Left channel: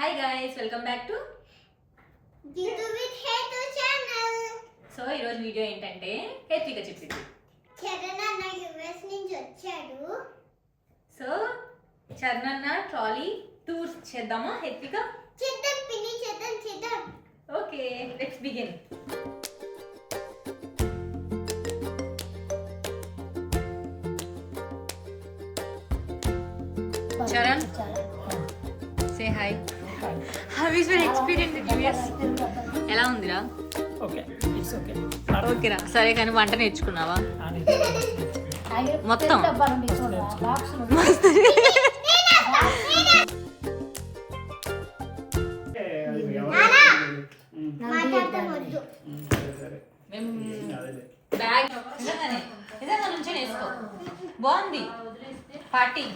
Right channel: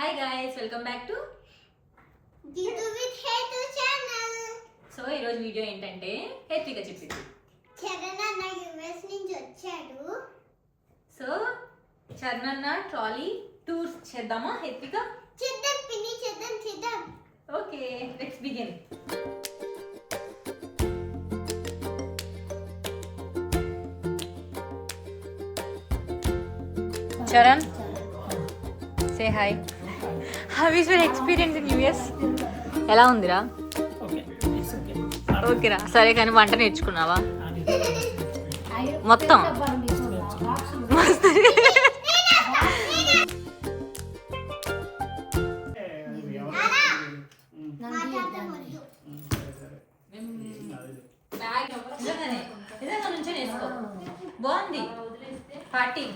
Hi guys, welcome back to Jitu with హేతు channel. So ఈరోజు video ఏంటంటే హేత్విక చెప్పింది. చరణ్ అన్న యుఎస్ నుంచి వచ్చాడు. సో చరణ్ అన్న ట్రాలీ టూర్స్ చేద్దామా హేత్విక? చేద్దాం పిన్ని, చేద్దాం. Okay, let's begin. Charan, say hi. How is your experience in US? ఎలా ఉందిరా? ఓకేరా, సరే కానీ వంట నేర్చుకున్నావా మొత్తం? బాగుంది. పార్టీకి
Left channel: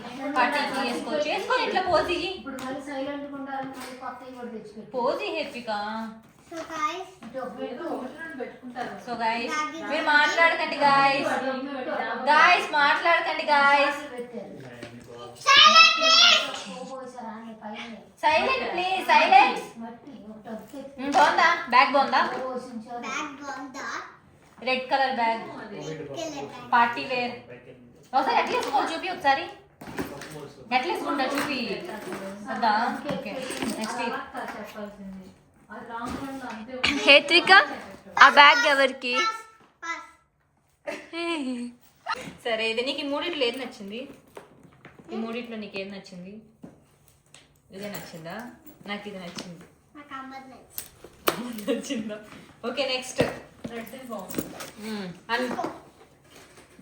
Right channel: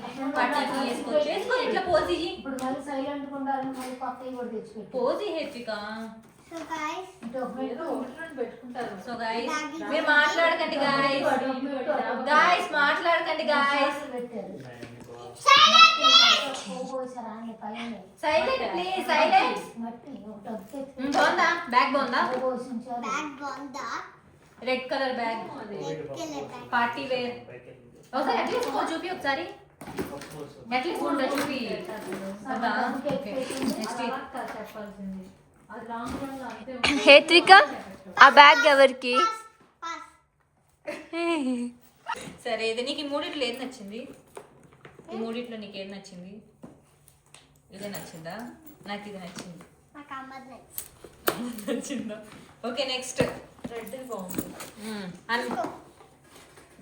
వేసుకోవచ్చు. ఎట్లా పోజీ పోజీ హెత్విక. సో గైస్, మీరు మాట్లాడకండి గాయస్, మాట్లాడకండి గాయస్. Silent please, silent. బాగుందా? బ్యాగ్ బాగుందా? Red colour bag, party wear. ఒకసారి ఎట్లా వేసుకో చూపి, ఒకసారి ఎట్లా వేసుకుంటా చూపి. హేత్విక, ఆ బ్యాగ్ ఎవరికి? సరే, ఇది నీకు ఈ మూడిట్లో ఏది నచ్చింది? ఈ మూడిట్లో నీకు ఏది నచ్చింది? ఇదే నచ్చిందా? నాకు ఇది నచ్చింది. నచ్చిందా? Okay, next.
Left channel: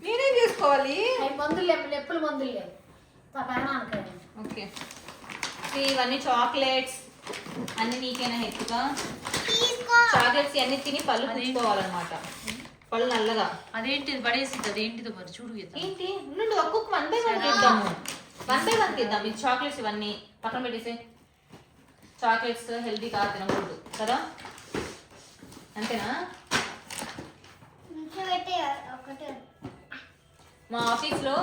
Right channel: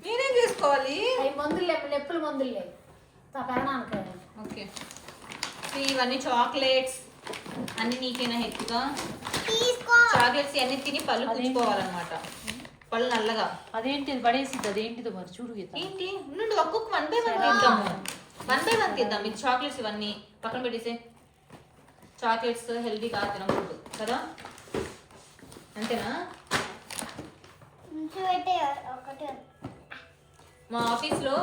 మీరేం చేసుకోవాలి? ఓకే, ఇవన్నీ చాక్లెట్స్ అన్ని నీకేనా హెత్తుగా? చాక్లెట్స్ అన్ని తిని పళ్ళు పుచ్చుకోవాలన్నమాట. పళ్ళు నల్లగా. అదేంటి పడేసింది? అదేంటిది మరి చూడు. ఏంటి నుండి ఒక్కొక్క 1 by 1 తీద్దాము. 1 by 1 తీద్దాం. మీకు చాక్లెట్స్ ఇవన్నీ పక్కన పెట్టేసే. చాక్లెట్స్ హెల్దీ కాదు, తినకూడదు కదా? అంతేనా? మా ఆఫీస్లో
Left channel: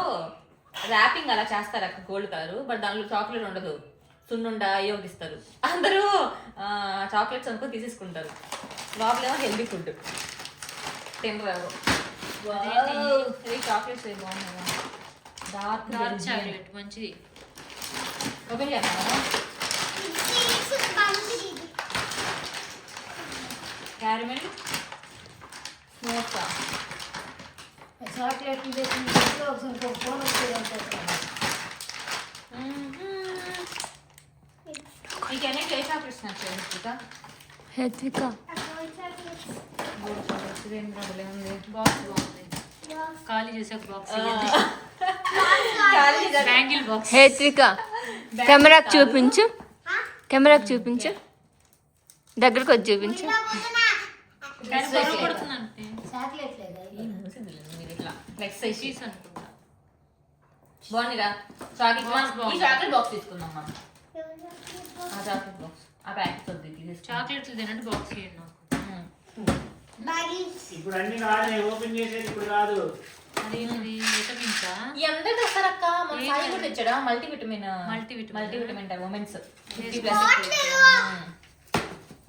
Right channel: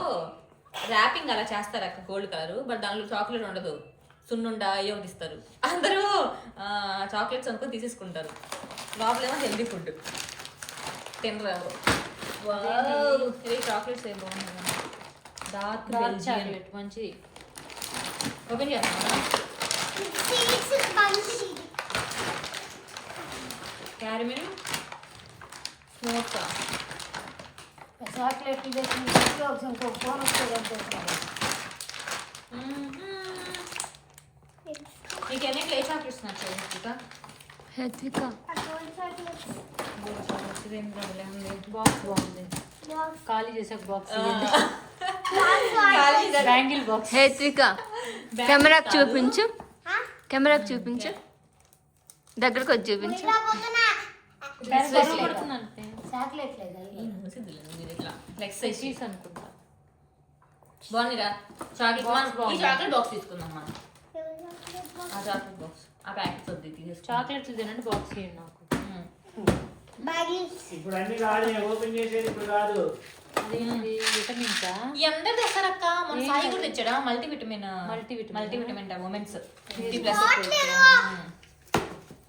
ర్యాపింగ్ అలా చేస్తారు అక్క, గోల్డ్ కలర్. బట్ దాంట్లో చాక్లెట్ ఉండదు, సున్నుండా అయ్యో ఇస్తారు. అందరూ చాక్లెట్స్ అనుకో తీసేసుకుంటారు. లోపలేమో హెల్దీ ఫుడ్ తినరు. చాక్లెట్స్ ఏం బాగున్నాయి. డార్క్ చాక్లెట్ మంచిది. ఓపెన్ చేస్తావా? క్యారమెల్ స్మోక్సా? మీకు ఎన్నిట్లో ఏ చాక్లెట్స్ నచ్చాయి హేత్విక, బాక్స్ బాగుంది. ఖాళీ చేసే బాక్స్, బ్యాంగిల్ బాక్స్. హేత్విక, కెమెరాకి చూపించు, దగ్గరకు వచ్చి చూపించు. బాగుందిరా చాక్లెట్ బాక్స్ తీసుకుందాం మనం. చాక్లెట్ బాక్స్ ఆ ప్యాకెట్స్ వద్దు, చాక్లెట్లు తినండి, బాక్స్ చేయండి నాకు. ఇప్పుడు అన్ని కాదు, ఓపెన్ చేసేది ఇప్పుడు కాదు. అదేంటి విటమిన్సా? ఎంత తెస్తారక్క? మన సాయి కూడా తెచ్చాడా మల్టీవిటమిన్ ఉమెన్స్ 50+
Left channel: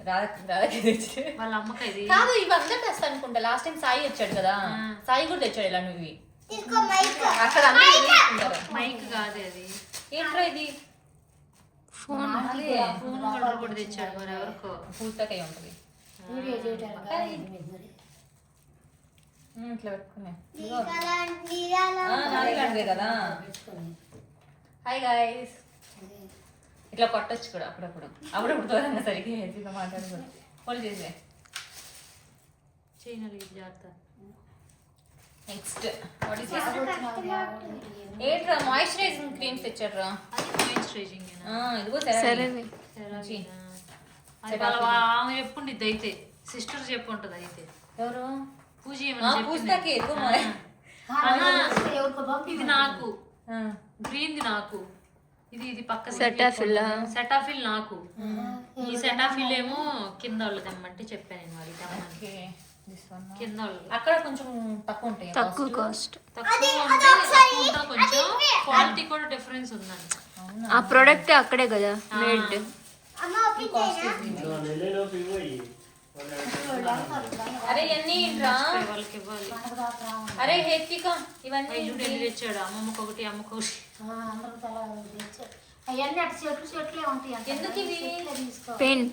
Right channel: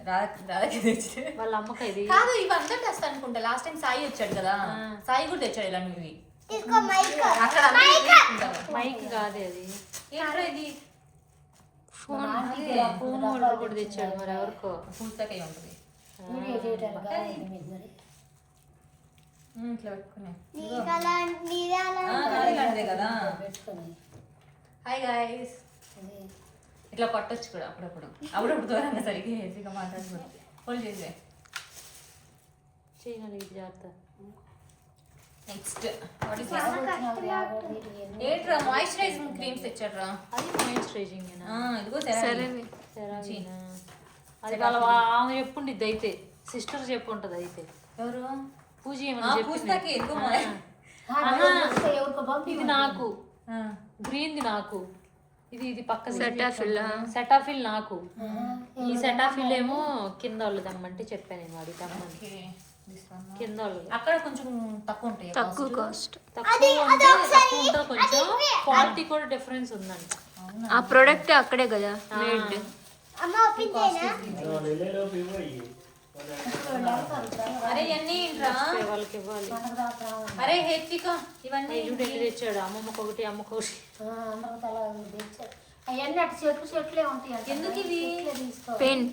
రాధకి తెచ్చి వాళ్ళ అమ్మక ఇది కాదు, ఇవి అందరూ తెస్తా అనుకుంటా. లాస్ట్ టైం సాయి వచ్చాడు కదా, సాయి కూడా తెచ్చాడు ఇలా. నువ్వు అక్కడ మైక్ కాదే అది. ఏంట్రా ఇది? ఫోన్. ఫోన్ హోల్డర్ కూడా తెచ్చాడు మరి ఎవరికో. పూర్తకై ఉంటుంది ఇట్లా పెట్టుకునే కదా. హాయ్ గైస్, ఇట్లా కొట్టచ్చు కూడా అప్పుడప్పుడు దూరంగా సరిగ్గా హెల్తీగా మాట్లాడుతుంది. హోల్డ్ చేసే చేయనాలి జాగ్రత్త. నెక్స్ట్ ఏంట్రా? మాయిశ్చరైజింగ్ క్రీమ్స్ తెచ్చాడ్రా. అది మాయిశ్చరైజింగ్ ఇదిగో సరే. అది వాళ్ళ ఆమె చెప్పుండిద్ది అయితే, సిస్టర్ చెప్పుంటది అయితే. ఎవరు? పూజ పూజకి ఇది నాకు గ్రీన్ది, నాకు ఇది పక్క సెటాఫిల్ నాకు. ఈ సెటాఫిల్ ఏమో కింద వాళ్ళది అమ్మంటే చెప్పాను నేను. అది తమ్మని కింద వాళ్ళు అక్కడ కొంచెం తక్కువ ఉంటాయి, తక్కువ కాస్ట్. కొంచెం క్వాలిటీ కూడా డిఫరెన్స్ ఉందండి. ఆ ప్రోడక్ట్ అక్కడే కదా మేడ్. ఓపెన్ చేయనా వెళ్ళేలోపు ఇవ్వయి. అరే ఎన్ని రా వాళ్ళకి ఇవ్వాలి. అరే హెత్విక ఇవన్నీ చూడు ఎన్ని తెచ్చాడు, అమ్మమ్మకి ఒకటి అమ్మకి ఒకటి. అవన్నీ అటు చెట్లే ఉంటాయి అక్కడ. ఎందుకు ఇవి? చెట్లే తీసుకో. పెయిన్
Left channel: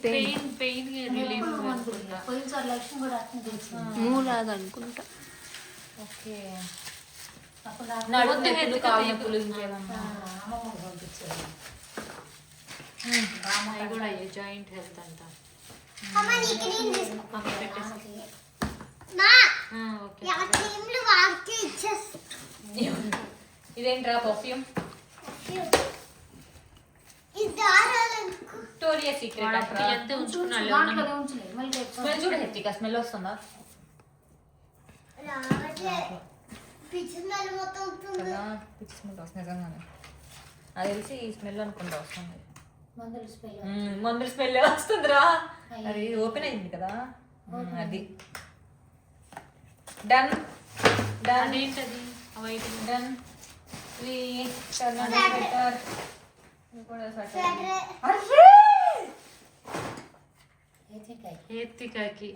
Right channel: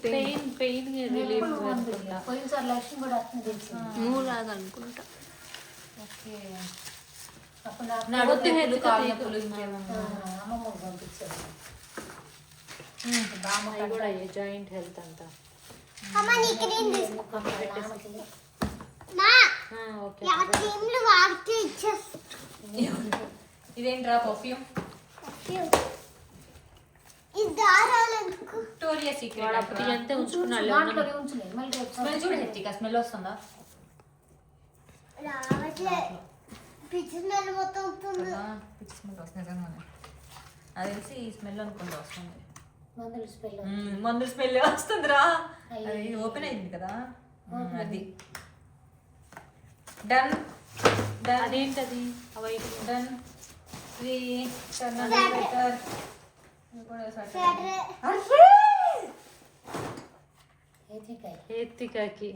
పెయిన్ రిలీఫ్ అనుకుంటా. పోయినసారి లక్ష్మి కూడా అట్లా తెలిసింది. మూలాగా అనుకుంటా. ఓకే అప్పుడు నడుము నొప్పులు, కాళ్ళ నొప్పులు ఇంకేమన్నా అమ్మమ్మ పంపించారు. అవి కూడా జాయింట్ హెల్త్ అంట. అమ్మ నీ క్రీమ్ తీసుకో మా ఓకే యా క్రీమ్లు వాడితే ఇచ్చేస్తా ఇదేంట్రా పర్ఫ్యూమ్ ఇది దారాలనుకో విక్టోరియా సీక్రెట్ వాడు అప్పుడు అంతే ఉంచుకున్నాడు. మాటలుగా ఉంచలేదు. మళ్ళీ రేపు స్మెల్ చూడ హెత్విక స్మెల్ వస్తుందా రావట్లే పిచ్చినలు మొత్తం ఉంటుంది కదా పిచ్చి స్మెల్ వస్తుంది నిజంగానే అది తెలిసి ఈ స్మెల్ అనుకుంటా వస్తుంది మందులు స్పెల్ మందుల స్మెల్ వస్తుందిరా అది ఓపెన్ అయింది కదా అది డన్ డన్ అదేంటది వైట్ డన్ ఇది టర్నర్ స్వెటర్ ఇది కూడా స్వెటర్ అరే ఏతికాయ ఎత్తికాకి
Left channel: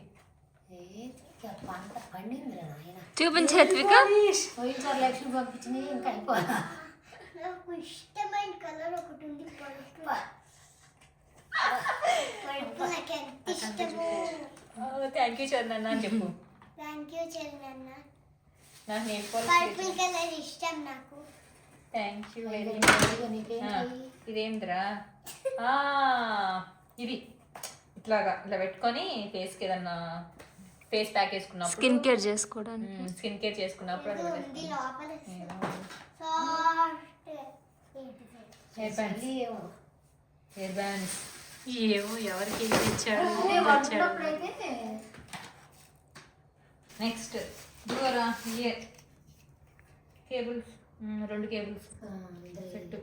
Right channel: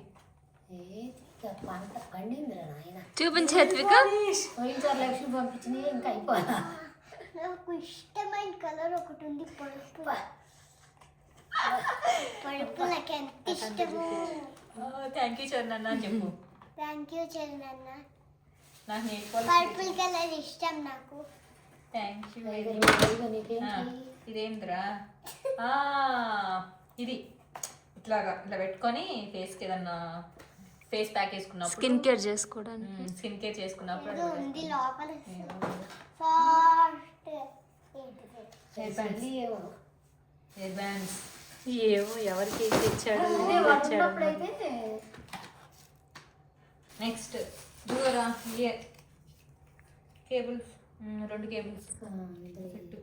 ఏతికాయ పంట పండిందిరా నాయన. చూపించు హెత్విక. పోయినసారి లక్ష్మి పంపించినవి ఇంకా అయిపోదా. నాకు ఇష్టమైన కలర్ ఒకటి ఉంది పర్పుల్ పర్పుల్ నాకు ఎంత ఇష్టము థ్యాంక్ యూ చరణ్ అని చెప్పు థ్యాంక్ యూ చందన్న నాకు నెయిల్ పర్పుల్ కలర్ ఇష్టం నాకు థ్యాంక్ యూ ఇదిగో నీకేంటి? ఇదేంద్రా ఇది ఇట్లాగా ఇలా పెట్టుకొని ఫేస్కి ఏదన్నా ఫేస్ ప్యాక్ వేసుకున్నప్పుడు స్కిన్ కేర్ చేసుకోవడానికి. స్కిన్ కేర్ చేసుకున్నప్పుడు ఇది అలా ఉంది లోపల వేసుకుంటాం. సాఫ్ట్ హెయిర్ బ్యాండ్స్ ఏమో. హెయిర్ బ్యాండ్స్ ఏమో ఎవరికి ఏం తెచ్చాడు అదే వాడు ఉన్నప్పుడైతే నెక్స్ట్ దూరా ఇయర్ కేబుల్స్ 2 కేబుల్స్ సెట్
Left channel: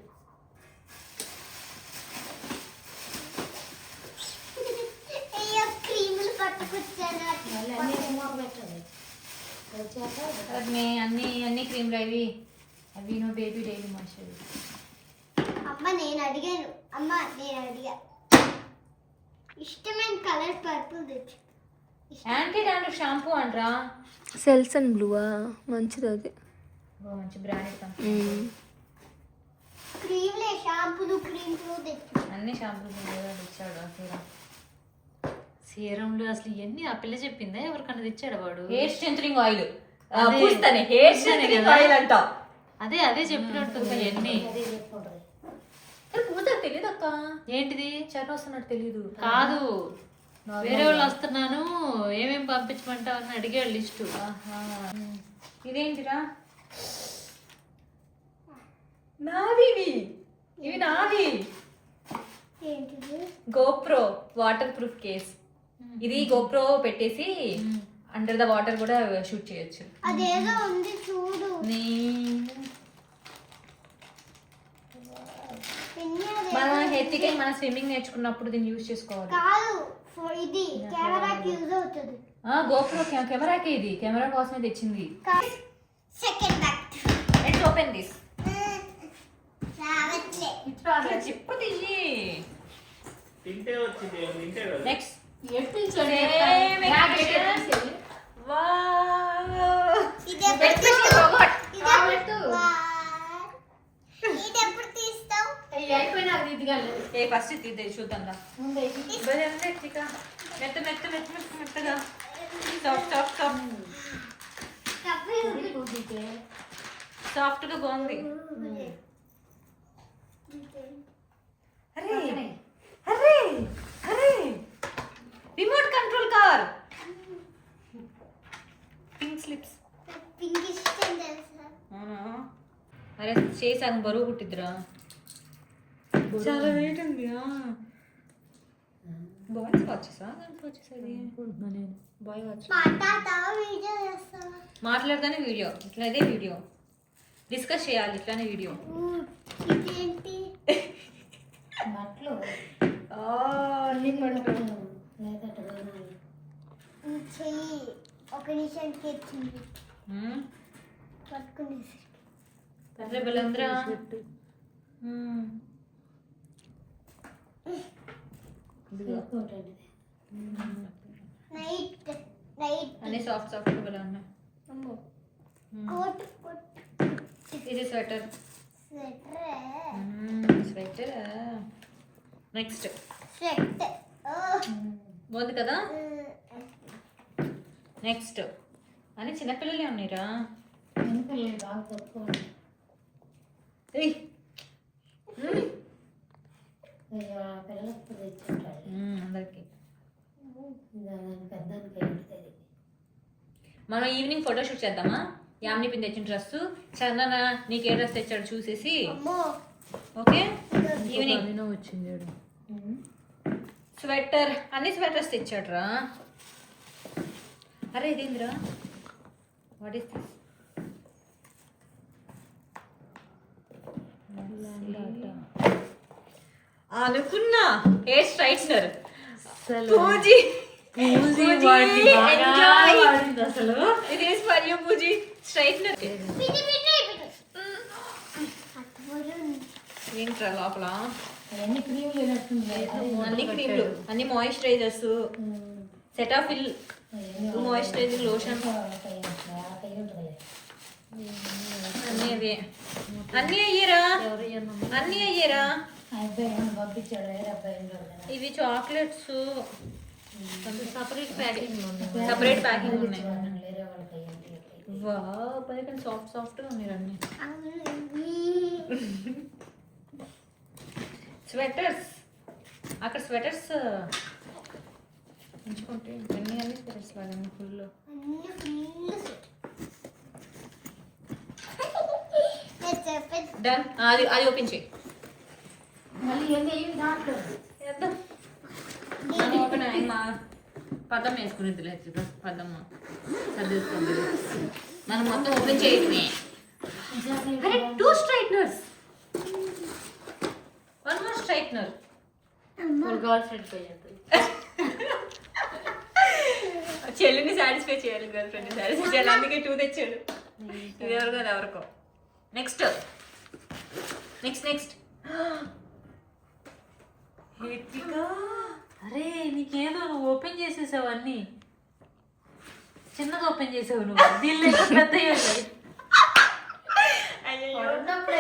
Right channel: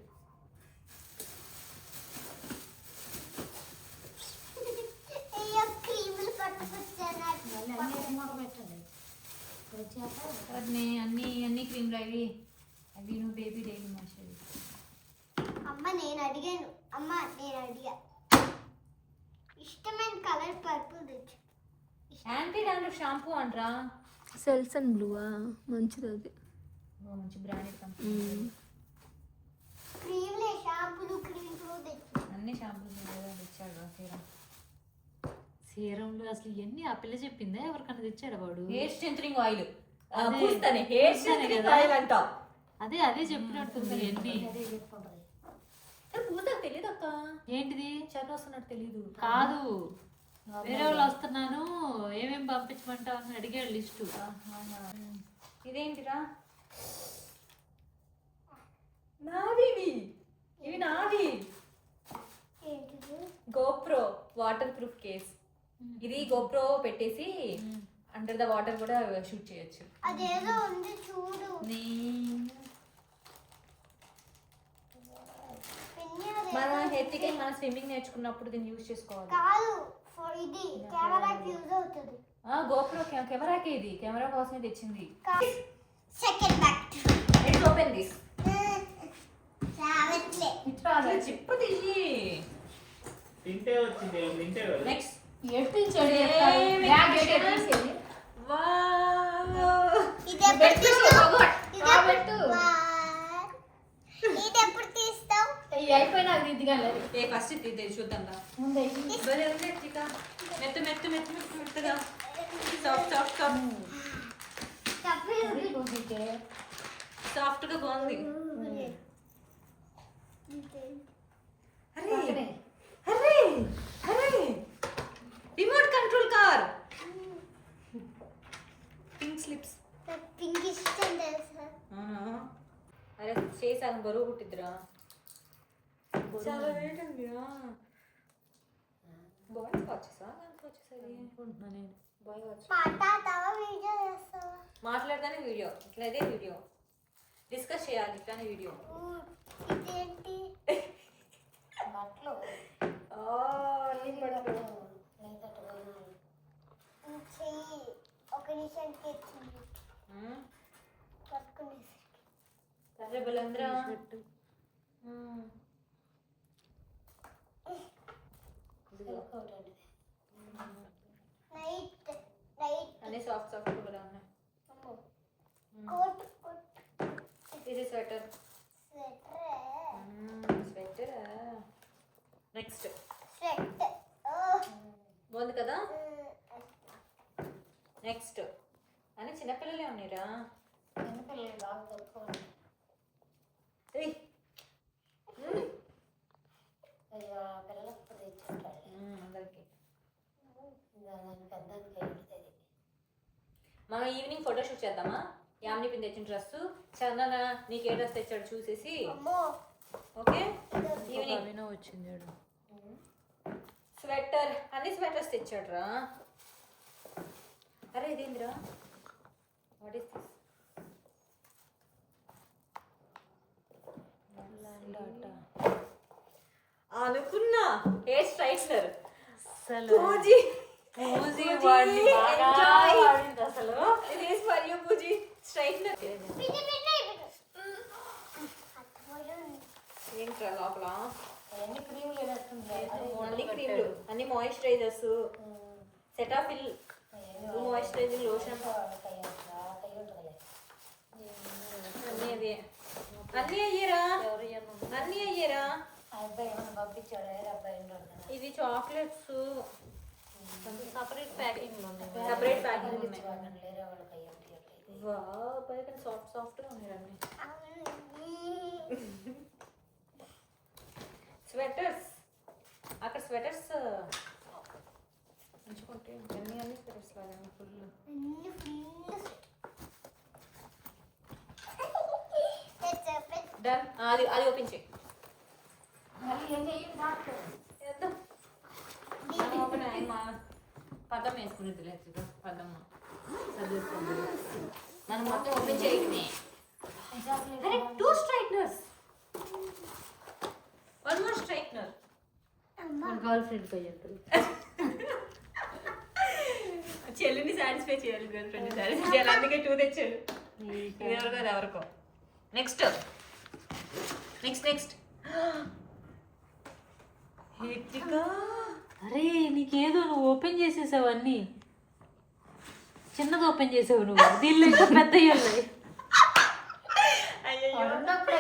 అయ్యో క్రీములు పట్టుకొచ్చాను మళ్ళీ అన్నీ రిమోట్ పెట్టాలి. వచ్చాక అన్నీ అన్ని క్రీమ్లు అవి నో బేబీ డైలీ మాయిశ్చరైజర్ అమ్మ నేను అడిగాను అమ్మ నేను అడిగా ఇష్టమైన కలర్ పర్పుల్ తెచ్చు యాంటీ డాండ్రఫ్ షాంపూ అంట్రా సెల్స్ అండ్ బ్లూవా మంచిది అది. మంచి బ్రాండ్ క్రీమ్లే షాంపూలు క్రీమ్లు తెచ్చు అన్ని షాంపూలు తెచ్చాడు అసలు సీరంలో అసలు ఇవన్నీ ఆ పిల్ల చెప్పిందా ఎవరికన్నా తెచ్చాడు వాడు? హెయిర్ స్ట్రెంథనింగ్ ఆయిల్ అదే. పూస్తానే హెయిర్ స్ట్రెంథనింగ్ ఆయిల్ అంట అదే చెప్పినట్టుంది ఇవన్నీ. అదే చెప్పుకుంటుంది. పూతకు తెలియదు అక్క ఏంటిది చర్ణ వస్తున్నట్టు తెలీదు కాదు, వేరే వాళ్ళు వస్తున్నాను ఏమేమి పంపించమంటావు అని అడిగాడు లిస్టు. ఇదేంటిరా నావి ఇవి నావి ఏంటిది గోప్రో వాటర్ ప్రూఫ్ కేస్ ఇది గోప్రో పెట్టేసి అండర్ ద వాటర్ కూడా షూట్ చేయొచ్చు అదేదో ఉంది చూడు పిన్ని అదే మన హెత్తికై మన స్విమ్మింగ్ నేర్చుకున్నప్పుడు దీన్ని యూజ్ చేసుకోవాలి కాదు ఇది కెమెరాకి యూజ్ అవుతుంది గోప్రో కెమెరాకి ఇది కెమెరా కోసమే తెచ్చింది second back let's open this రావట్లే చెప్పు తీయి తింటే వచ్చింది తింటే కదా. నెక్స్ట్ ఎట్టించండి ఇది ఎప్పుడు తీస్తావు ఇది ఎప్పుడు తీస్తావు అయిపోయినాక దిగాలి. ఏ ఫస్ట్ తీద్దే చూద్దాం రా ముందే మెత్త మెత్త మెత్త మెత్త మెత్తగా సాఫ్ట్ సాఫ్ట్ సాఫ్ట్ సాఫ్ట్ గా బాగుంది అరే అరే అరే remote control car pink slips pink ఇష్టం తెలుసా అరే చేసాను బరువు పుట్టిద్దిరా చాలా వెయిట్ ఉంది బాయ్స్ వాచెసా వచ్చేసరి బాయ్ వాచ్ మాట్లాడతావా వీడియో చేస్తావా మాట్లాడతానే వీడియో ఇట్లానే వీడియో డిస్కస్ చేయాలి ఇట్లానే వీడియో ఇదేంటి బట్టలు చెయ్యి ఒక నిమిషానికి వచ్చింది పట్టుకునేసి అరే బలంద్రా నైట్ నైట్ అన్ని సాఫ్ట్ సాఫ్ట్ కూడా ఉన్నాయి. కోట్ ఇది sweater. Sweater sweater. Next shirt బాగుంది కదా. నెక్స్ట్ అని చిన్నపిల్లలే ఉన్నాయిరా. ఏయ్. అందరికి మనం ఈవినింగ్ ఫోటోషూట్ చేద్దామా? యామిని పిన్ తెచ్చిన డ్రెస్, చందన నీకు ఏ డ్రెస్ తెచ్చాడు చూసేసి. అమ్మో ఓకే ఈవినింగ్ స్వెటర్, అన్ని స్వెటర్స్ తెచ్చాడు రా. అరే ఇదేంద్రా, వాట్ ఈస్ దిస్? అనుకున్నా హెయిర్ స్ట్రైట్నర్. పూజీ అసలు ఇది is for you, Pooji straightener. పిటి పిటి ఏంట్రా లోపల అన్ని క్రీములు వేస్తున్నా అన్ని క్రీమ్లు, అన్ని మాయిశ్చరైజర్స్, సెటాఫిల్ మాయిశ్చరైజింగ్ లోషన్ అన్నీ అదే. అన్నీ అయ్యారా, అన్నీ అయ్యారా. పంపించాడు అబ్బాయి ఇవి చాక్లెట్స్ సపరేట్ ప్యాకింగ్ ఉన్నాయి. సపరేట్ ప్యాకింగ్ ఉన్నాయి. వేరే వాళ్ళకి అయ్యింది వా పైన సాఫ్ట్ సాఫ్ట్గా ఉన్నాయి అన్నీ. స్వెటర్స్, అక్కడ స్వెటర్స్ ఎంచుకుంటే అన్ని అన్ని స్వెటర్స్ లాగా ఫుల్. డన్. అది అది ఓపెన్ చేయి. మళ్ళీ ఏంది దాంట్లో ఓపెన్ అయ్యి మా పదం వేసుకునేది లేదు. పదమ్మ సర్దేసుకోండి. మనం మొత్తం ఓపెన్ చేయటమే. అరే 2 straighteners, 1 more straightener. Girl friend పోయి ఉంటుంది. చెల్లిని సాటిస్ఫై చేయాలి, గర్ల్ ఫ్రెండ్ని సాటిస్ఫై చేయాలి, అందుకే 2 తెచ్చాడు. ఇది ఎవరికో అది ఎవరికో. నెక్స్ట్ నెక్స్ట్ నెక్స్ట్ హేత్రిక. అరే నీకేదో నువ్వు ఓపెన్ చేసేసావు, అన్ని చిన్నగా ఓపెన్ చేసావు నువ్వు. దీనిలో పెద్ద అయ్యో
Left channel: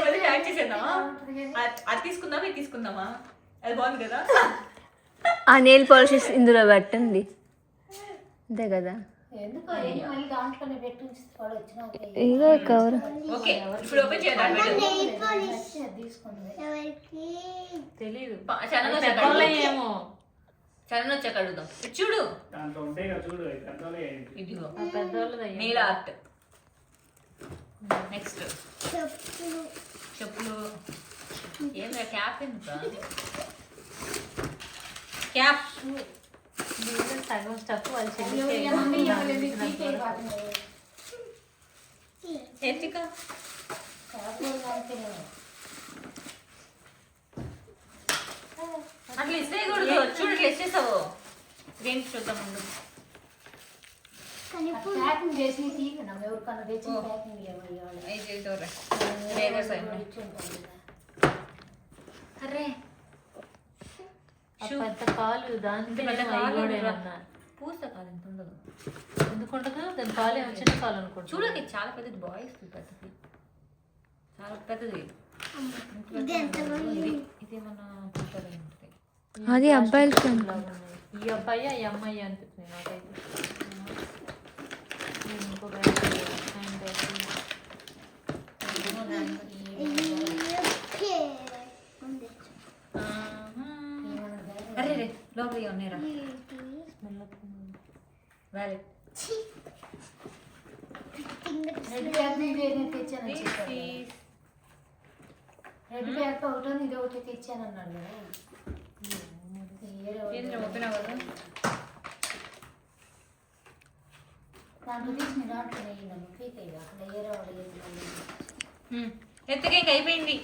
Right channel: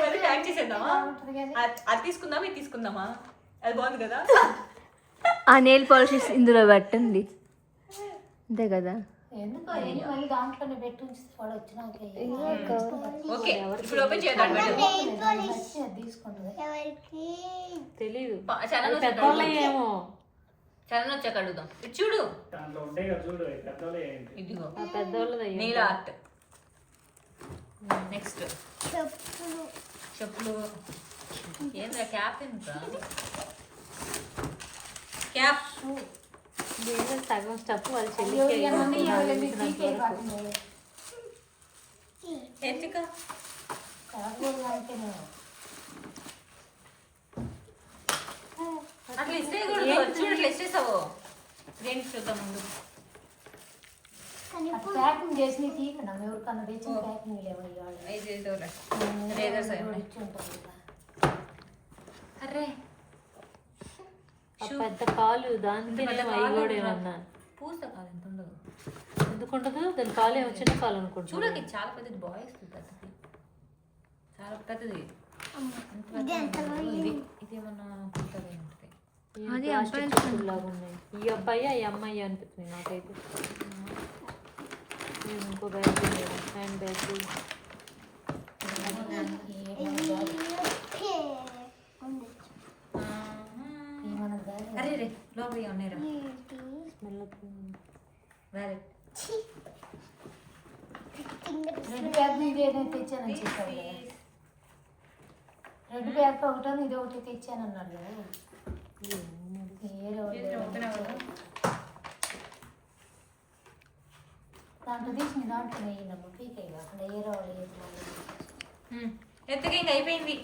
అది ప్యాక్ చేసేద్దామా? అది తీసుకుందామా, ఇది తీసుకుందామా? అది బాగుంది కదా. ఆ నెయిల్ పాలిషెస్ ఇందులో పెట్టండి, అంతే కదా. ఎందుకు మళ్ళీ దాంట్లోనే పెట్టి ఉంచుతాడు వచ్చిన ఇదో కవర్. ఓకే ఇప్పుడు ఓపెన్ చేద్దాం. తీసుకుంది ఎవరికి తెలీదు. ఛానల్ ఏమో ఛానల్ వచ్చాక అడుగుదాం. ఇటు చూడు, దాంట్లో ఉంటాయి కదా చూడు, పెద్దలే ఏంటి. ఇదిగో పెద్దవాళ్ళది నీల ఆర్ట్. నెక్స్ట్ చెప్పులు చెప్పులు. ఏంద్రా క్యాప్ ఎంత? క్యాప్ సగం స్టఫ్ వాళ్ళు హేత్రిక. అట్లా ఇస్తేయకూడదు. చూడు ఇట్లా ఇచ్చేసావు. దేనికి చూద్దాం ముందు. ప్యాకింగ్ చేసి తీయకుండా ఎవరికన్నా తెచ్చిన ప్యాకింగ్ రేజర్స్ అయినాయి. అరే పెద్ద కాలు దానికి పెద్ద కాలు పూస కాలు ఎంత ఉండదు. ఎందుకుంటదు దాని కాలు ఏమో చిన్న కాలు అనుకుంటా. చూడకి చాలా పెద్దది, బాయ్స్ పెద్దది, చాలా పెద్దది. ఇదేమన్నా కుర్తాగా ఉంటుంది. అది అబ్బాయిల ఫ్రెండ్. ఈ అబ్బాయి ఈ అమ్మాయి అనిపిస్తుంది నాకైతే. ఇంకో బ్యాగ్ హ్యాండ్ బ్యాగ్. అరే రే లోపల ఉన్నాయిరా. వ్యాలెట్. రెడ్ బ్యాగ్ మీద ఏదైతే తెచ్చానని చెప్పాడు. రెడ్ బ్యాగ్ ఒకటో ఇది ఒకటి తెచ్చానన్నాడు కదా. దాంట్లో తీసిన దాంట్లో నెయ్యిందమ్మా పీక్ అయ్యి అక్కడ ఏరే వాళ్ళు ఎత్తుగా ఇంక అయిపోయింది.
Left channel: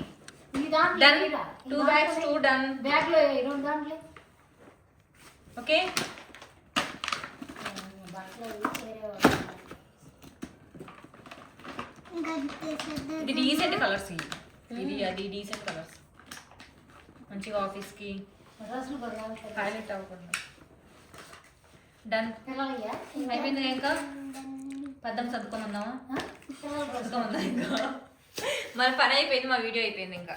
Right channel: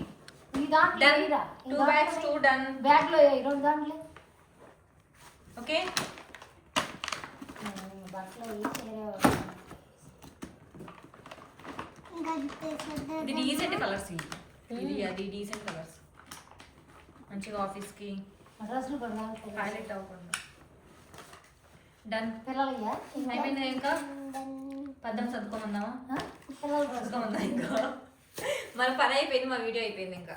ఈ దాంట్లో డన్. వేయరా? 2 bags 2 డన్. బ్యాగ్లో రెండు దాంట్లో ఓకే దాంట్లో వేరే వాళ్ళు ఇది డీసెంట్ కలర్స్. ఇది అది డీసెంట్ కలర్స్, మంచిగా ఆఫీస్కి డ్రెస్సులు కూడా కావాలి. హైలైట్ అవ్వకుండా డన్ పిల్లలయ్యా అయిపోయింది ఇంకా పద్దం సర్దుకోమందామా పిల్లలు కూడా సర్దుకోమందా ఇంకా మన పని అయిపోయింది, మా వీడియో అయిపోయింది ఇంకా.